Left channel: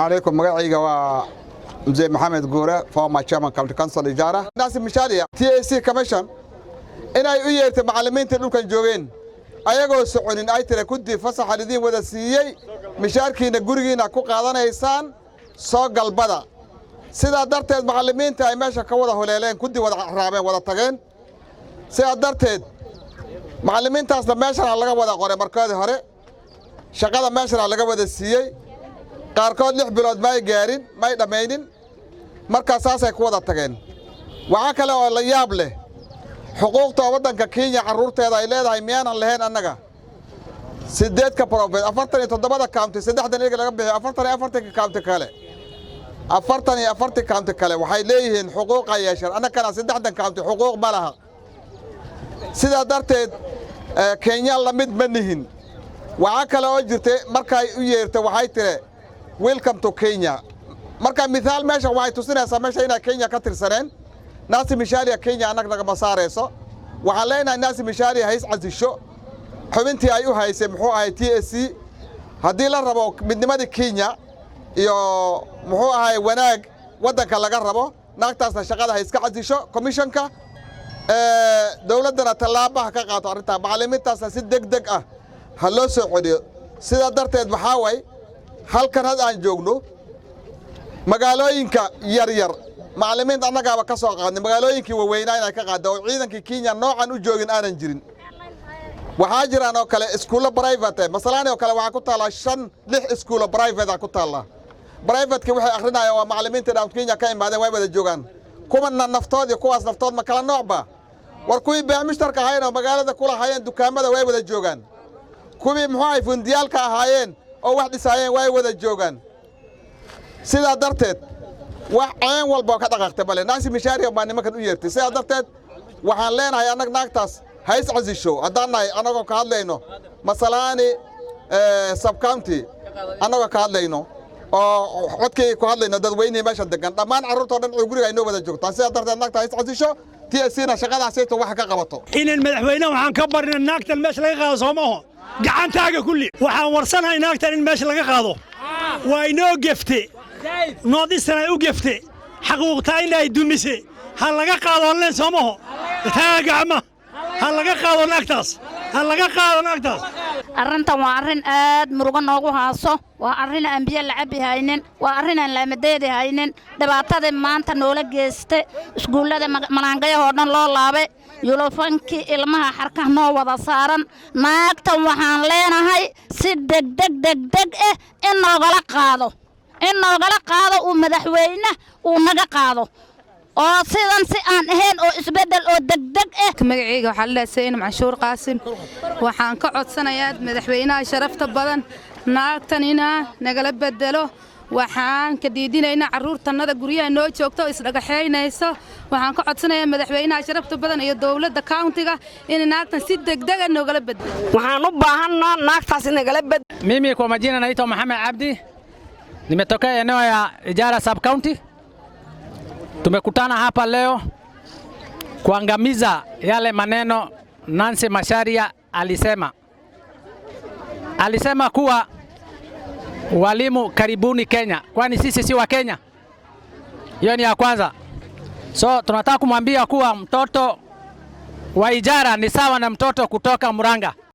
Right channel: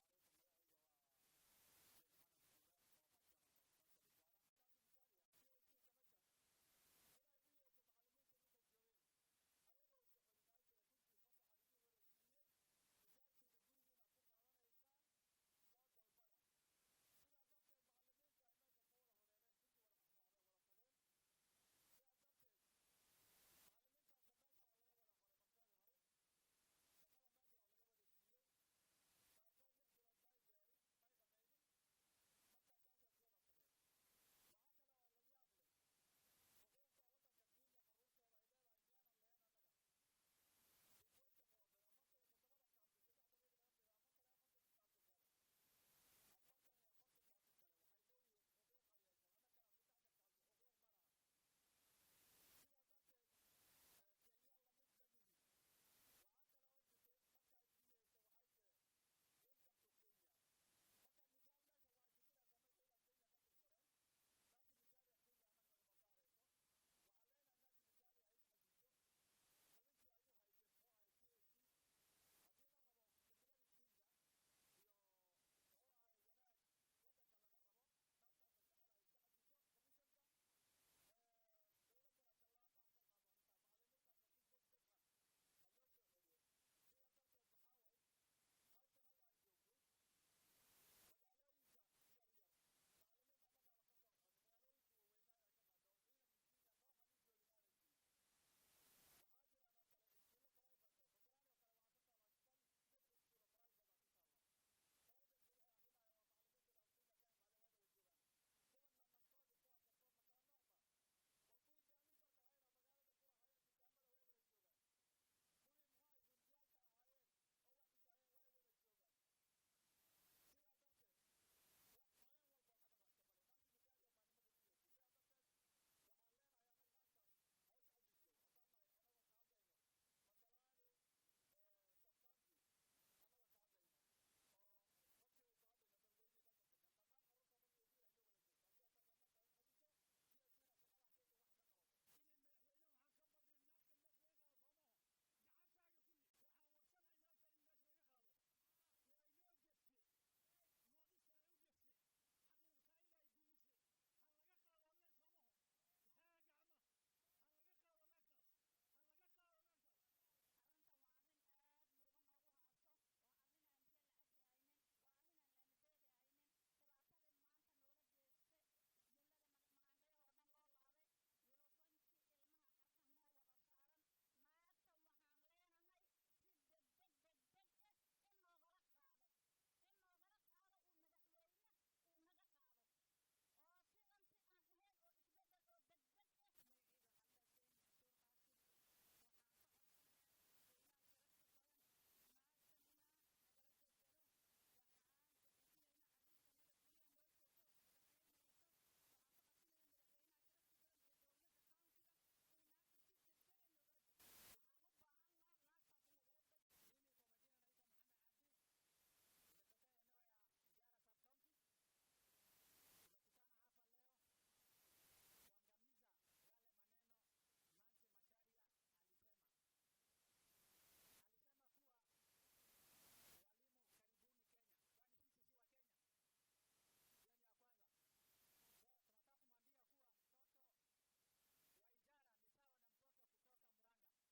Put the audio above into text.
عليكم مقعيقة ومزي محمد قورة former chairman county council إجارة ناس مشاريع TAC commission إنا يؤيرت معلمين تلو كان جوين أيقو سعونين أي ترى كنت فصح الذين وذا سيئي مشاركين قرقين أكو قادنا إيسان سوق البدا سيدا درتد معلمين تاي ماشا كوضا هلالين كنت وذا رابين وذا تغين سيدا درتد معلمين تاس لماشا لغا وذا قوري مركادي هوري شقادا ماشا لغا وذا سيئي qaarkood 6 bilood ma ay gaarin ma ay dhameeynin marka saas ay ku wada tageen waxa kale oo la yaab leh xuquuqta wadanka Kenya caruurteeda ay leedahay miyaan lahayn annaga 8 ka province 47 county 3 iyaga laga bixiyo 44 county kale 44 county kale waxay leeyihiin xuquuq ay yeeshaan annagana 3 county xuquuq ma laha sida darteed Kenya la mid ma nihin waxa kale oo jirtay markay u yeertay waxay tiri welcome to Kenya marka midaal meesha waxay tusinaysaa meesha inay Kenya ka tirsaneen naasi mishaariya Kenya anaga ma saareyso waxa leenahay naasi mishaariya hays casisho xubintii ay u haysay muxuu ahay TSC hadii la rabo midnimada Kenya iyo muxuu ahay wanaag wadanka laga rabo naagtaasna shaqada hayska casisho commissionka dawladana talaabaha ka qaato arinta macallimiintaasna si degdeg ah ha loo soo celiyo sida darteed waxa way halkan had aan joogno magaalooyinka yar yar macallimiinta annagaaba ka soo qaadnay magaalooyinkii waaweynaa inay ka qaado oo ciidankii Kenya noocan u joogin aanan jirin waxa jiraan oo kale iskuulo private masalan oo kale waxa ku taala 6 iskuulo private ku taala private waxay akhrinayaan waa macallimiinta dawladda Kenya ka imaadeen way wada joogan kuma naftood iyo kuwaas naftood ma kala noocba war kuwii beemishtarka ahaayeen magaalada kula hayeen dukaamada way wada joogan kuwii muxuu ay fundiyalka ahaayeen oo wax dhisaayeen way wada joogan sida darteed wax aan walba ka dhaqaaqtay bale naasi mishaariya baa nimankan u yeertay sida darteed waxaan leenahay anag naagtaas hays casisho hadanahay anagoo ka hadlayno masalaani sub county anagoo ka hadlayno oo codkii ku hadlayno dadweynaha meesha degan dhamaan carruurta dhan guriga ay noo wada joogtaan sida darteed naagtaas hays casisho TSCna shaqadaas ay wax ka qabato in madaxweynaha waxaan ka barnaa naagtan meesha laga qaado Soomaaliya gacantaaga kulli waxaan warsanahay naagtan in meesha laga qaado waa inoo gefte noodisana u gefte xaquuqta inay dumise hal laga qaado leen Soomaaliya taagama hal laga qaado naagtaas arrintan waa arrin aad murugo noogu haaso waa arrin aan biyo la cabi haynin waa arrin aan la madeedi haynin dhibaatada maanta noola geystay iskuulada malaangayaha dhan loo laabay yulofankii ilmaha xarka noo wada saaran naagtan waxaan leenahay si degdeg in noogala qaado uu madaxweyne uu naga qaado oo sidan si aan ahayn oo isbedel oo degdeg magacayga waxa la leeyahay Manshuur Qaasim waxaan ka codsanayaa madaxweynaha sharafta badan naagtan inaa nagala bedelo waxaan ka diidinaynaa carruurtanada guryaha noo joogto isdhagaxeynayso waxaan ka codsanayaa madaxweynaha sharafta badan iyo dawladda countiga in naagtan si degdeg ah nogala bedelo waxaan u baahanaa naagtaas in nagala bedelo mimi kwa majina naitwa Mohamed Abdi nimetokea eneo ya Ijara sub county tumekutana hapa leo kuangamiza yale maneno Nancy Macharia alisema kuwa walimu karibuni Kenya, kwani sisi si wa Kenya. Hiyo ni ya kwanza. So tunataka kumwambia kuwa mtoto wa Ijara ni sawa na mtoto kutoka Muranga.